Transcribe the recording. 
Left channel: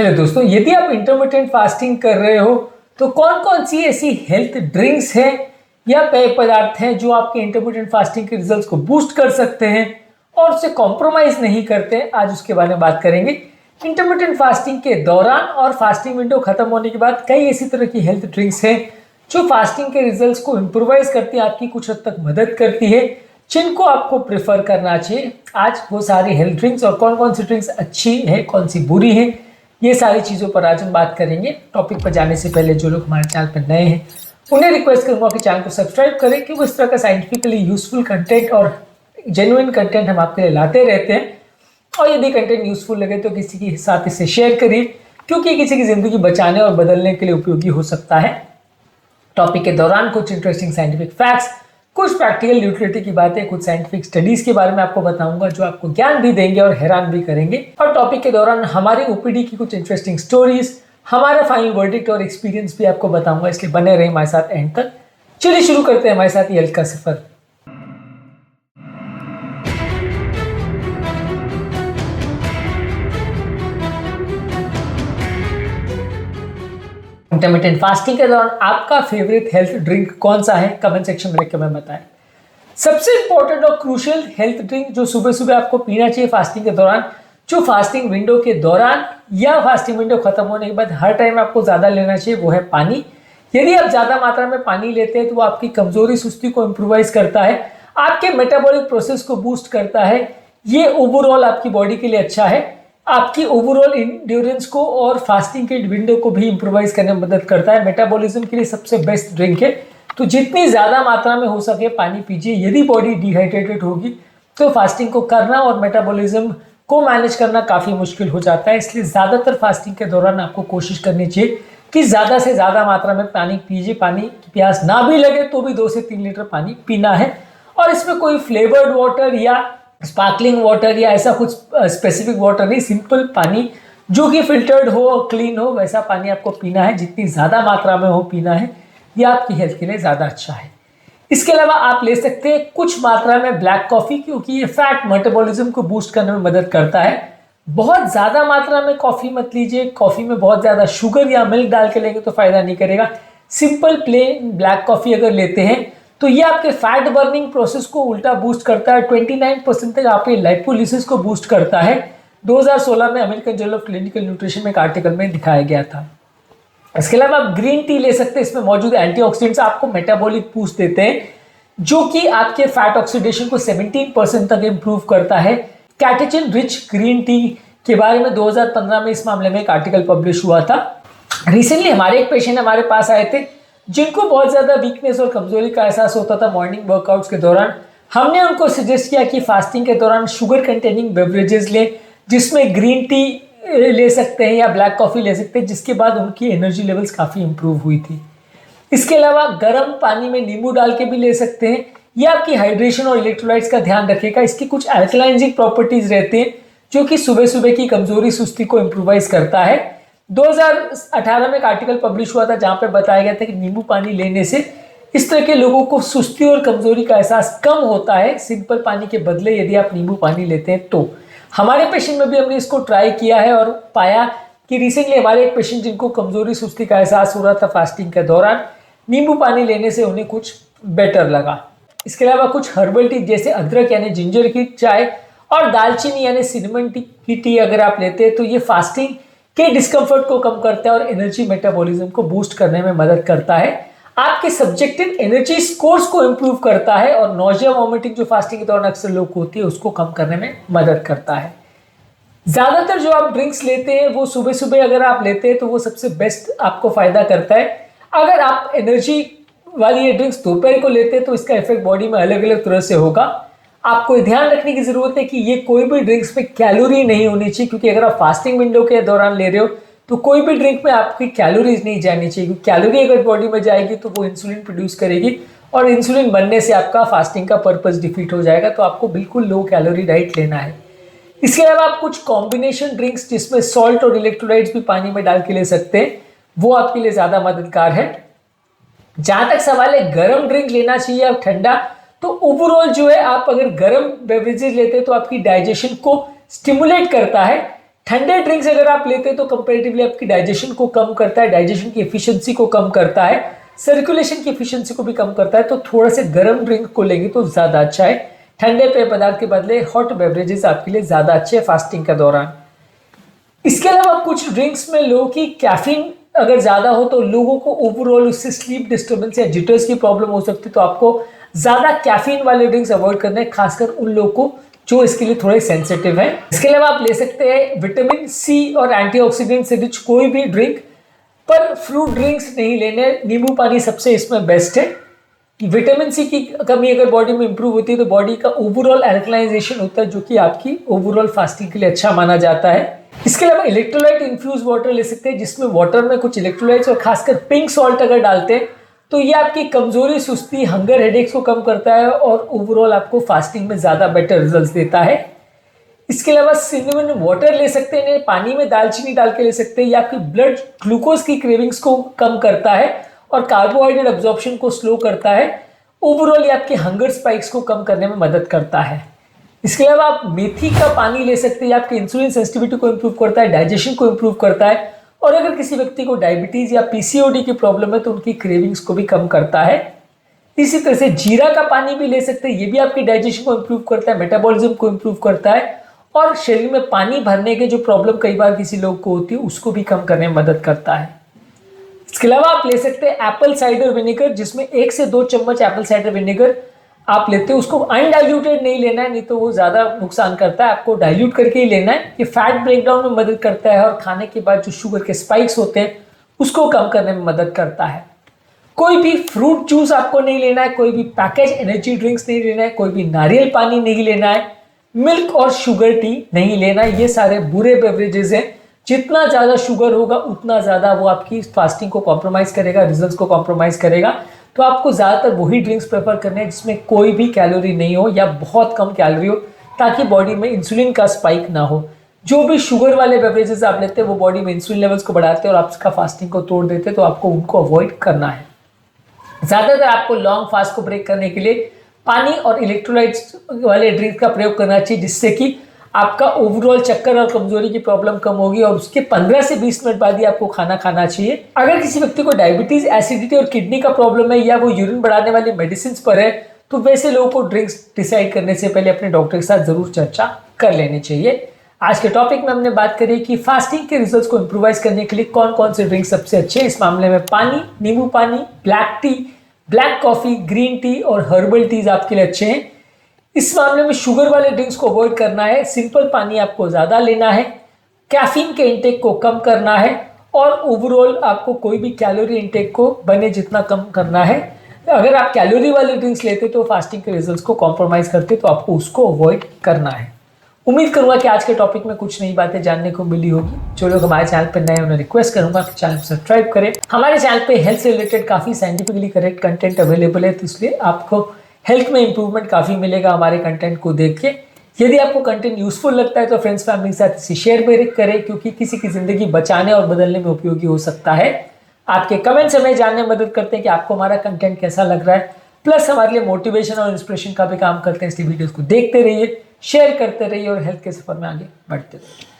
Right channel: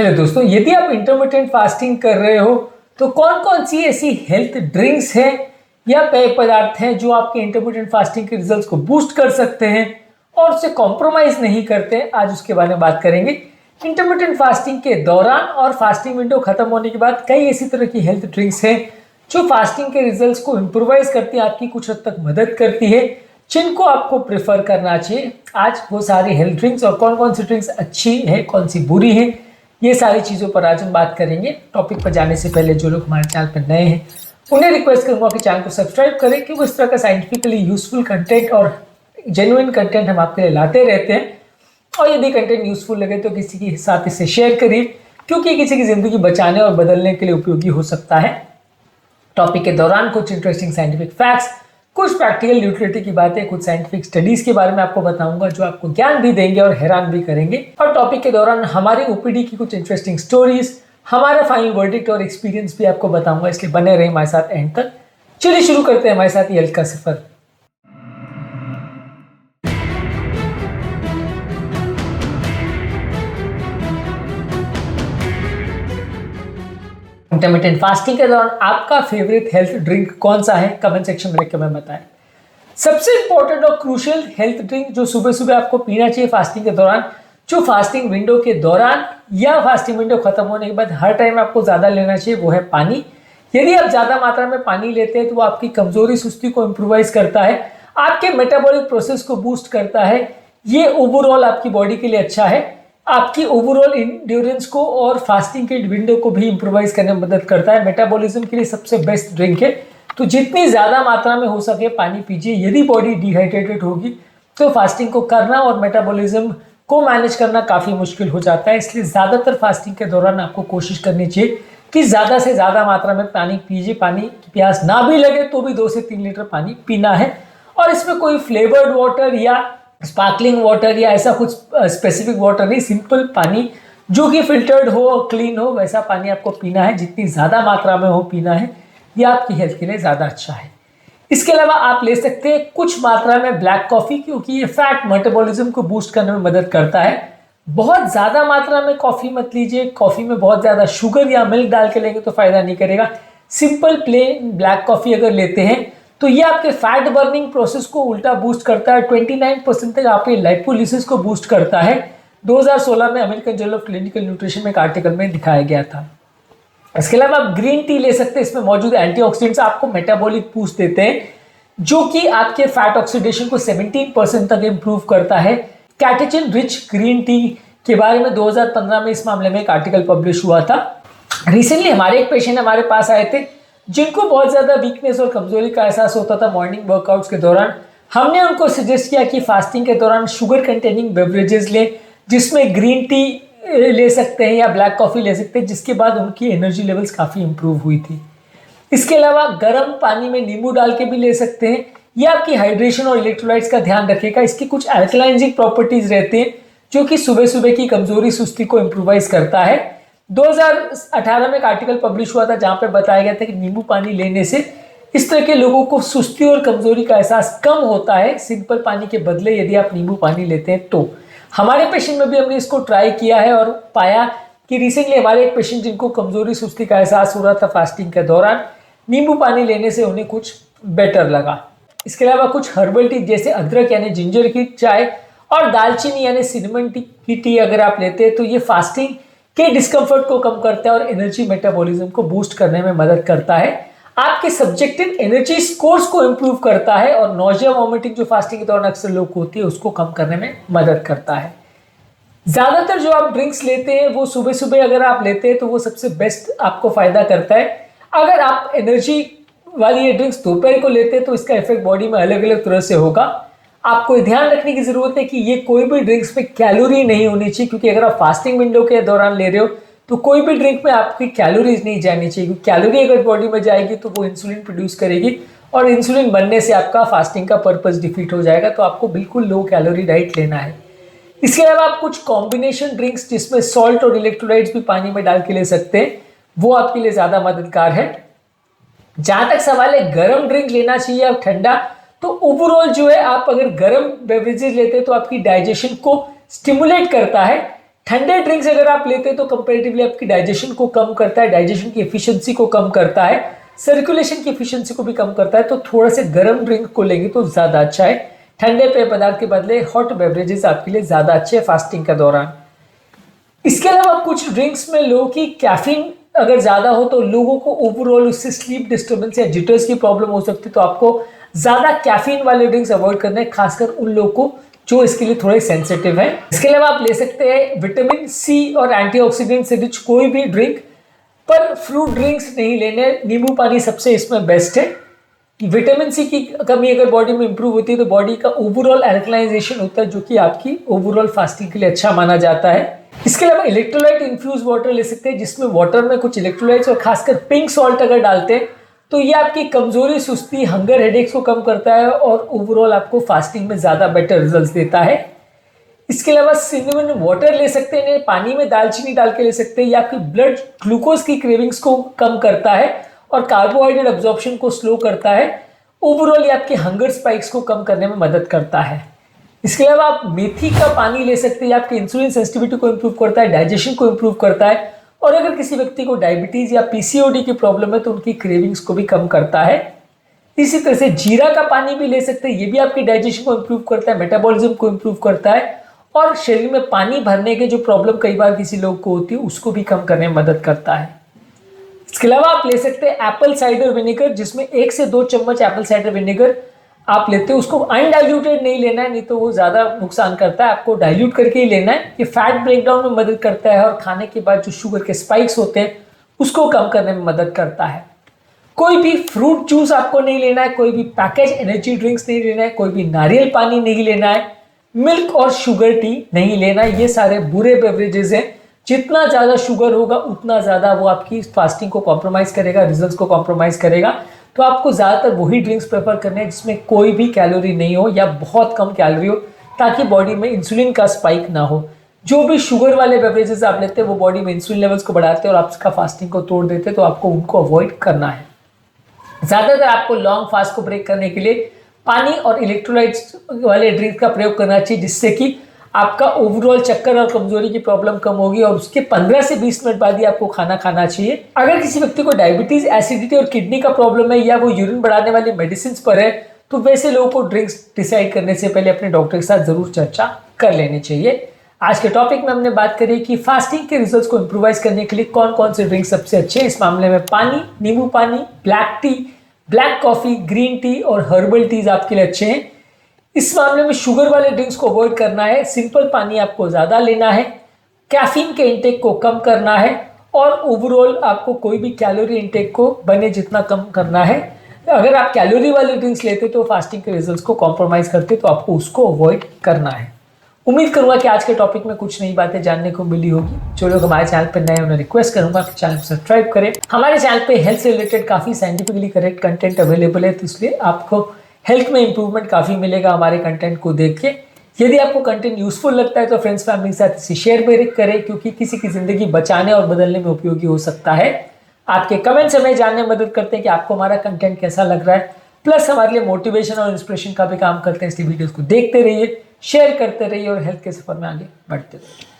Hello दोस्तों, यदि आप इंटरमिटेंट फास्टिंग कर रहे हो तो कौन कौन सी ऐसी हेल्थ ड्रिंक्स हैं या पेय पदार्थ हैं जो आपके इंटरमिटेंट फास्टिंग के रिजल्ट्स को बूस्ट कर सकते हैं और उससे कॉम्प्रोमाइज नहीं करते हैं, आज उसके बारे में बात करेंगे। इंटरमिटेंट फास्टिंग के दौरान और फास्टिंग विंडो खत्म होने के बाद कई ऐसी तरह की हेल्थ ड्रिंक्स हैं जो फास्टिंग के रिजल्ट्स को इम्प्रोवाइज करती है, आपकी कुछ हद तक मदद करती हैं, जिनको आपको प्रेफर करना चाहिए। आज वो सारी हेल्थ ड्रिंक्स और कौन कौन सी ड्रिंक्स अच्छी है, कौन सी बुरी है, ये सारी चीज़ों पर आज हम बात करेंगे। टॉपिक पर जाने से पहले जो लोग हमारे चैनल पर नए हैं उन्हें रिक्वेस्ट करूंगा कि चैनल को सब्सक्राइब करें, क्योंकि इस तरह का साइंटिफिकली यूजफुल कंटेंट और जेन्युइन कंटेंट हम आपके लिए लाते रहते हैं। और यदि कंटेंट यूजफुल लगे तो किसी के साथ इसे शेयर करिए, क्योंकि किसी की ज़िंदगी बचाने और बदलने के लिए उपयोगी हो सकता है। टॉपिक के दौरान कुछ इंटरेस्टिंग साइंटिफिक फैक्ट्स, कुछ प्रैक्टिकल यूटिलिटी की बातें, कुछ साइंटिफिक स्टडीज के बारे में आपको बताऊंगा जो आपको ज्ञान भी देंगे और हैरान भी करेंगे। और टॉपिक के दौरान हमारी ओपीडी की कुछ इंटरेस्टिंग स्टोरीज, हमारा फाइनल वर्डिक्ट और एक्सपीरियंस भी आपको बताऊंगा, इसलिए बने रहे हमारे साथ एंड तक। चलिए शुरू करते हैं हमारे साथ ये हेल्थ का सफर। इंटरमिटेंट फास्टिंग के दौरान आपका फेवरेट हेल्थ ड्रिंक कौन सा है, कमेंट सेक्शन में लिख के हमें बताएं। सबसे इंपॉर्टेंट और क्रूशियल हेल्थ ड्रिंक जो सुबह सुबह आपको पीना चाहिए फास्टिंग के दौरान, जो फास्टिंग विंडो के दौरान या फास्टिंग विंडो खत्म होने के बाद हर टाइम आपको ज़्यादा लेना चाहिए, वो है पानी। यदि आप ज़्यादा मात्रा में पानी लेते हैं तो वो आपकी कमजोरी सुस्ती को इम्प्रोवाइज करता है, आपके मेटाबॉलिक प्रोसेस को बूस्ट करता है। ये ओवरऑल आपकी बॉडी के लिए अच्छा है, आपकी ओवरऑल इंड्योरेंस को और फास्टिंग के विंडो को भी इम्प्रोवाइज करने में मदद करता है। मेटाबॉलिज्म के लिए सबसे बेस्ट ड्रिंक है, तो जितनी ज्यादा मात्रा में हो सके पानी पीजिए। यदि बॉडी डिहाइड्रेटेड होगी तो फास्टिंग को करना और मेटाबॉलिज्म को मैनेज करना काफी मुश्किल हो जाता है, इसलिए ज्यादातर फास्टिंग के दौरान आपको कोशिश करनी चाहिए कि ज्यादा से ज्यादा मात्रा में पानी पीजिए। पानी की प्यास ना भी लगे तो भी 2 से 3 लीटर पानी पीना है। और इसमें कोई फ्लेवर्ड वाटर या स्पार्कलिंग वाटर या ऐसा कुछ स्पेसिफिक वाटर नहीं, सिंपल पानी जो कि फिल्टर्ड हो, क्लीन हो, वैसा पानी आपको पीना है। जितनी ज्यादा मात्रा में हो पीना है, ये आपकी हेल्थ के लिए ज़्यादा अच्छा है। इसके अलावा आप ले सकते हैं कुछ मात्रा में ब्लैक कॉफ़ी, क्योंकि ये फैट मेटाबॉलिज्म को बूस्ट करने में मदद करता है। बहुत ज़्यादा मात्रा में कॉफ़ी मत लीजिए, कॉफ़ी में बहुत ज़्यादा शुगर या मिल्क डाल के लेंगे तो फ़ायदा नहीं करेगा। सिंपल प्लेन ब्लैक कॉफ़ी अगर लेते हैं तो ये आपके फैट बर्निंग प्रोसेस को उल्टा बूस्ट करता है। 29% तक आपके लाइपोलिसिस को बूस्ट करता है। 2016 में American journal of clinical nutrition में एक आर्टिकल में दिखाया गया था। इसके अलावा आप ग्रीन टी ले सकते हैं, इसमें मौजूद एंटीऑक्सीडेंट्स आपको मेटाबॉलिक बूस्ट देते हैं, जो कि आपके फैट ऑक्सीडेशन को 17% तक इंप्रूव करता है। कैटेचिन रिच ग्रीन टी के बारे में 2015 में इस मामले में एक आर्टिकल पब्लिश हुआ था। रिसेंटली हमारे एक पेशेंट हमारे पास आए थे जिनको बहुत ज्यादा वीकनेस और कमजोरी का एहसास होता था मॉर्निंग वर्कआउट्स के दौरान। हमने उनको सजेस्ट किया कि फास्टिंग के दौरान शुगर कंटेनिंग बेवरेजेस लें, जिसमें ग्रीन टी ले सकते हैं या ब्लैक कॉफ़ी ले सकते हैं, जिसके बाद उनकी एनर्जी लेवल्स काफ़ी इंप्रूव हुई थी। इसके अलावा गर्म पानी में नींबू डाल के भी ले सकते हैं, ये आपकी हाइड्रेशन और इलेक्ट्रोलाइट्स का ध्यान रखेगा। इसकी कुछ अल्कलाइजिंग प्रॉपर्टीज रहती है जो कि सुबह सुबह की कमजोरी सुस्ती को इम्प्रोवाइज करता है। 2018 में एक आर्टिकल पब्लिश हुआ था जहाँ पे बताया गया था कि नींबू पानी लेने से इस तरह के लोगों को सुस्ती और कमजोरी का एहसास कम होता है सिंपल पानी के बदले यदि आप नींबू पानी लेते हैं तो। हमारे पेशेंट में भी हमने इसको ट्राई किया है और पाया कि रिसेंटली हमारे एक पेशेंट जिनको कमजोरी सुस्ती का एहसास हो रहा था फास्टिंग के दौरान, नींबू पानी लेने से उन्हें कुछ बेटर लगा। इसके अलावा कुछ हर्बल टी जैसे अदरक यानी जिंजर की चाय और दालचीनी यानी सिनेमन की टी अगर आप लेते हैं तो ये फास्टिंग के डिस्कम्फर्ट को कम करता है और एनर्जी मेटाबॉलिज्म को बूस्ट करने में मदद करता है। आपके सब्जेक्टिव एनर्जी स्कोर्स को इम्प्रूव करता है और नोजिया वॉमिटिंग जो फास्टिंग के दौरान अक्सर लोग होती है उसको कम करने में मदद करता है। ज़्यादातर जो आप ड्रिंक्स लेते हैं वो सुबह सुबह अगर आप लेते हैं तो वो सबसे बेस्ट आपको फ़ायदा करता है। अगर आप एनर्जी वाली ये ड्रिंक्स दोपहर को लेते हैं तो इसका इफेक्ट बॉडी में अलग अलग तरह से होगा। आपको ध्यान रखने की ज़रूरत है कि ये कोई भी ड्रिंक्स में कैलोरी नहीं होनी चाहिए, क्योंकि अगर आप फास्टिंग विंडो के दौरान ले रहे हो तो कोई भी ड्रिंक में आपकी कैलोरीज नहीं जानी चाहिए, क्योंकि कैलोरी अगर बॉडी में जाएगी तो वो इंसुलिन प्रोड्यूस करेगी और इंसुलिन बनने से आपका फास्टिंग का पर्पस डिफीट हो जाएगा। तो आपको बिल्कुल लो कैलोरी डाइट लेना है। इसके अलावा आप कुछ कॉम्बिनेशन ड्रिंक्स जिसमें सॉल्ट और इलेक्ट्रोलाइट्स भी पानी में डाल के ले सकते हैं, वो आपके लिए ज़्यादा मददगार है। जहाँ तक सवाल है गर्म ड्रिंक लेना चाहिए या ठंडा, तो ओवरऑल जो है आप अगर गर्म बेवरेजेस लेते हैं तो आपकी डाइजेशन को स्टिमुलेट करता है, ठंडे ड्रिंक्स अगर आप लेते हैं तो कंपेरेटिवली आपकी डाइजेशन को कम करता है, डाइजेशन की एफिशिएंसी को कम करता है, सर्कुलेशन की एफिशिएंसी को भी कम करता है। तो थोड़ा से गर्म ड्रिंक को लेंगे तो ज्यादा अच्छा है। ठंडे पेय पदार्थ के बदले हॉट बेवरेजेस आपके लिए ज्यादा अच्छे हैं फास्टिंग के दौरान। इसके अलावा कुछ ड्रिंक्स में लोगों की कैफीन अगर ज्यादा हो तो लोगों को ओवरऑल उससे स्लीप डिस्टर्बेंस या जिटर्स की प्रॉब्लम हो सकती है। तो आपको ज्यादा कैफीन वाले ड्रिंक्स अवॉइड करने हैं, खासकर उन लोगों को जो इसके लिए थोड़े सेंसिटिव है। इसके अलावा आप ले सकते हैं विटामिन सी और एंटीऑक्सीडेंट से रिच कोई भी ड्रिंक, पर फ्रूट ड्रिंक्स नहीं लेने। नींबू पानी सबसे इसमें बेस्ट है। विटामिन सी की कमी अगर बॉडी में इंप्रूव होती है तो बॉडी का ओवरऑल एल्कलाइजेशन होता है, जो कि आपकी ओवरऑल फास्टिंग के लिए अच्छा माना जाता है। इसके अलावा इलेक्ट्रोलाइट इन्फ्यूज वाटर ले सकते हैं, जिसमें वाटर में कुछ इलेक्ट्रोलाइट्स और खासकर पिंक सॉल्ट अगर डालते हैं तो ये आपकी कमजोरी, सुस्ती, हंगर, हेडेक्स को कम करता है और ओवरऑल आपको फास्टिंग में ज्यादा बेटर रिजल्ट्स देता है। इसके अलावा सिनेमन वाटर ले सकते हैं, पानी में दालचीनी डाल के ले सकते हैं। ये आपकी ब्लड ग्लूकोज की क्रेविंग्स को कम करता है और कार्बोहाइड्रेट एब्जॉर्प्शन को स्लो करता है। ओवरऑल ये आपके हंगर स्पाइक्स को कम करने में मदद करता है। इसके अलावा आप मेथी का पानी ले सकते हैं, आपके इंसुलिन सेंसिटिविटी को इंप्रूव करता है, डाइजेशन को इंप्रूव करता है और अगर किसी व्यक्ति को डायबिटीज या पीसीओडी की प्रॉब्लम है तो उनकी क्रेविंग्स को भी कम करता है। इसी तरह से जीरा का पानी भी ले सकते हैं, ये भी आपकी डाइजेशन को इंप्रूव करता है, मेटाबॉलिज्म को इंप्रूव करता है और शरीर में पानी भरने के जो प्रॉब्लम कई बार किसी लोग को होती है उसको भी कम करने में मदद करता है। इसके अलावा आप ले सकते हैं एप्पल साइडर विनेगर, जिसमें 1 से 2 चम्मच एप्पल साइडर विनेगर आप लेते हैं। उसको अनडाइल्यूटेड नहीं लेना है, नहीं तो वो ज्यादा नुकसान करता है। आपको डाइल्यूट करके ही लेना है। ये फैट ब्रेकडाउन में मदद करता है और खाने के बाद जो शुगर के स्पाइक्स होते हैं उसको कम करने में मदद करता है। कोई भी फ्रूट जूस आपको नहीं लेना है, कोई भी पैकेज एनर्जी ड्रिंक्स नहीं लेना है, कोई भी नारियल पानी नहीं लेना है, मिल्क और शुगर टी नहीं लेना है। ये सारे बुरे बेवरेजेस हैं। जितना ज्यादा शुगर होगा उतना ज्यादा वो आपकी फास्टिंग को कॉम्प्रोमाइज करेगा, रिजल्ट्स को कॉम्प्रोमाइज करेगा। तो आपको ज्यादातर वही ड्रिंक्स प्रेफर करना है जिसमें कोई भी कैलोरी नहीं हो या बहुत कम कैलोरी हो, ताकि बॉडी में इंसुलिन का स्पाइक ना हो। जो भी शुगर वाले बेवरेजेस आप लेते हैं वो बॉडी में इंसुलिन लेवल्स को बढ़ाते हैं और आपका फास्टिंग को तोड़ देते हैं, तो आपको उनको अवॉइड करना है। ज्यादातर आपको लॉन्ग फास्ट को ब्रेक करने के लिए पानी और इलेक्ट्रोलाइट्स वाले ड्रिंक का प्रयोग करना चाहिए, जिससे कि आपका ओवरऑल चक्कर और कमजोरी की प्रॉब्लम कम होगी और उसके 15 से 20 मिनट बाद ही आपको खाना खाना चाहिए। अगर किसी व्यक्ति को डायबिटीज, एसिडिटी और किडनी का प्रॉब्लम है या वो यूरिन बढ़ाने वाली मेडिसिन पर है तो वैसे लोगों को ड्रिंक्स डिसाइड करने से पहले अपने डॉक्टर के साथ जरूर चर्चा कर लेनी चाहिए। आज के टॉपिक में हमने बात करी कि फास्टिंग के रिजल्ट्स को इम्प्रोवाइज करने के लिए कौन कौन से ड्रिंक सबसे अच्छे हैं। इस मामले में पानी, नींबू पानी, black T, black coffee, green tea और हर्बल टीज आपके लिए अच्छे हैं। इस मामले में शुगर वाले ड्रिंक्स को अवॉइड करना है, सिंपल पानी आपको ज्यादा लेना है, कैफीन के इंटेक को कम करना है और ओवरऑल आपको कोई भी कैलोरी इंटेक को बने जितना कम करना है। अगर आप कैलोरी वाले ड्रिंक्स लेते तो फास्टिंग के रिजल्ट्स को कॉम्प्रोमाइज करते तो आपको उसको अवॉइड करना है। उम्मीद करूंगा कि आज के टॉपिक में कुछ नई बातें जानने को मिली होगी। जो लोग हमारे चैनल पर नए उन्हें रिक्वेस्ट करूंगा कि चैनल सब्सक्राइब करें। हमारे चैनल पे हेल्थ से रिलेटेड काफी साइंटिफिकली करेक्ट कंटेंट अवेलेबल है, तो इसलिए आपको हेल्थ में इंप्रूवमेंट काफी मिलेगा हमारे कंटेंट को देख के। यदि आपको कंटेंट यूजफुल लगता है तो फ्रेंड्स फैमिली के साथ इसे शेयर भी करें, क्योंकि किसी की जिंदगी बचाने और बदलने में उपयोगी हो सकता है। आपके कमेंट्स हमें जानने में मदद करते हैं कि आपको हमारा कंटेंट कैसा लग रहा है, प्लस हमारे लिए मोटिवेशन और इंस्पिरेशन का भी काम करते हैं। इसलिए वीडियोस को देखते रहिए, शेयर करते रहिए और हेल्थ के सफर में आगे बढ़ते रहिए।